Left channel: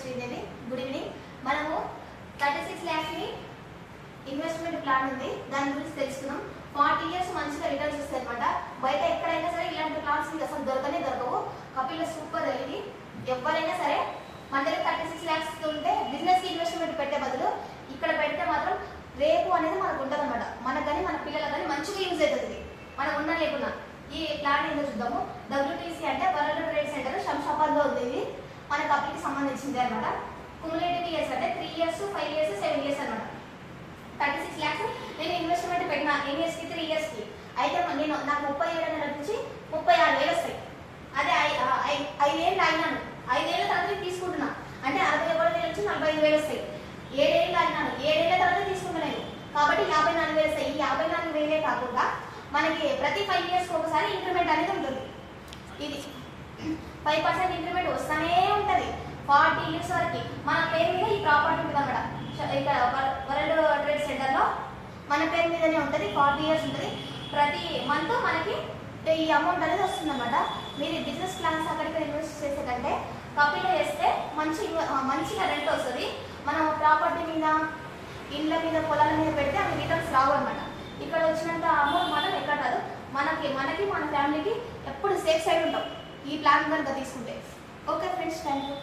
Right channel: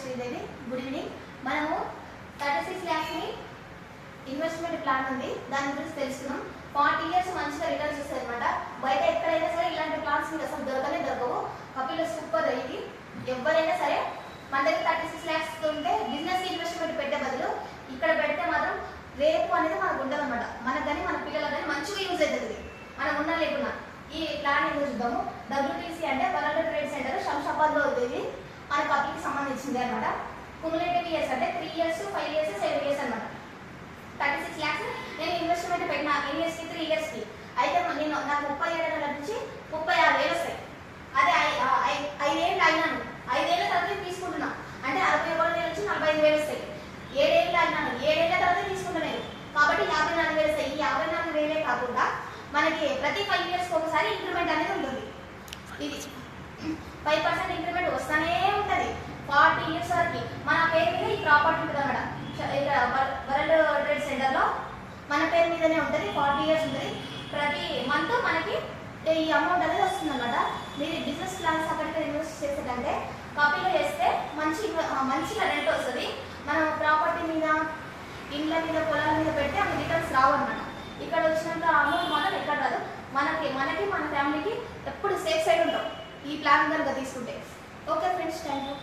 Sridevi. Good evening. మనము 36 lakhs ని investment plan ఉంది, దాని గురించి తెలుసుకున్నాం. 40 years మంచిగా రిటర్న్స్ ఇస్తాయి అనమాట. బయట ఎక్కడైనా సరే ఇలాంటి ప్లాన్స్ మీకు అసలు దొరకవు. కపిల సూపర్. ఇది ఎవరైనా సరే మన దగ్గర 36 lakhs ఉంటే బిజినెస్ ఇన్వెస్ట్మెంట్ పెట్టే బదులు ఇక్కడ పెడితే మాత్రం రేపు అనేది మనకు ఉండదు అనమాట. మనకు కానీ మన పిల్లలకు కానీ మంచిగా యూజ్ అవుతుంది, మనం ఉన్నా లేకున్నా. ఈ ప్లాన్ ఏంటో చూద్దాము. WTC అంటే వరల్డ్ ట్రేడ్ సెంటర్ శంషాబాద్లో ఉంది. మన కపిల్కి సంబంధించింది అనమాట. క్యుములేటివ్ ఇయర్స్ అంటే 3 years, 5 years, 7 years అనమాట. 36 lakhs నేను ఇన్వెస్ట్మెంట్ పెట్టిన ఎన్ని ఇయర్స్కి? 3 yearsకి. అయితే నేను నాకు 30 ఏళ్ళ నుంచి 36,000 వస్తాయి. అదే 5 ఏళ్ళు అయినాను, 5 ఏళ్ళ తర్వాత తీసుకుంటున్నా అంటే 61,000 నుంచి 45,000 వస్తాయి. 7 ఏళ్ళు అయినాను, 7 ఏళ్ళ తర్వాత తీసుకుంటున్నాను కాబట్టి 54,000 వస్తాయి. ఈ 54,000 కాకుండా మనకి ప్రతి 5 yearsకి ఒకసారి ఇంక్రిమెంట్ అనేది ఉంటుంది. ఇది 5% ఇంక్రిమెంట్ వస్తూనే ఉంటుంది 40 years వరకు. మన పేరు మీద ఈ ప్రాపర్టీ ఉంటుంది అన్నమాట. ఇక్కడ వరల్డ్ ట్రేడ్ సెంటర్ లో మన పేరు మీదనే ఉంటుంది. 40 years ఉంటుంది. ప్రతి మంత్ మనకి ఈ అమౌంట్ అనేది వస్తుంది అన్నమాట. మీరు బిజినెస్ ప్లాన్స్ అక్కడికి ఇన్వెస్ట్ చేసే కంటే కపిలో వేస్తే మంచిగా రెంట్ వస్తుంది. మనం ప్రాపర్టీ మీద, ఇండ్ల మీద, పొలాల మీద పెడితే అవి రిటర్న్స్ రావు అనమాట. ఇక్కడ వచ్చినంత అమౌంట్ మాత్రం ఎక్కడ కాదు. మనకి మన ఫ్యామిలీకి ఎప్పుడు సేఫ్ సైడ్ ఉంటాం ఈ ప్లాన్ కనుక తీసుకుంటే. Okay friends, thank you.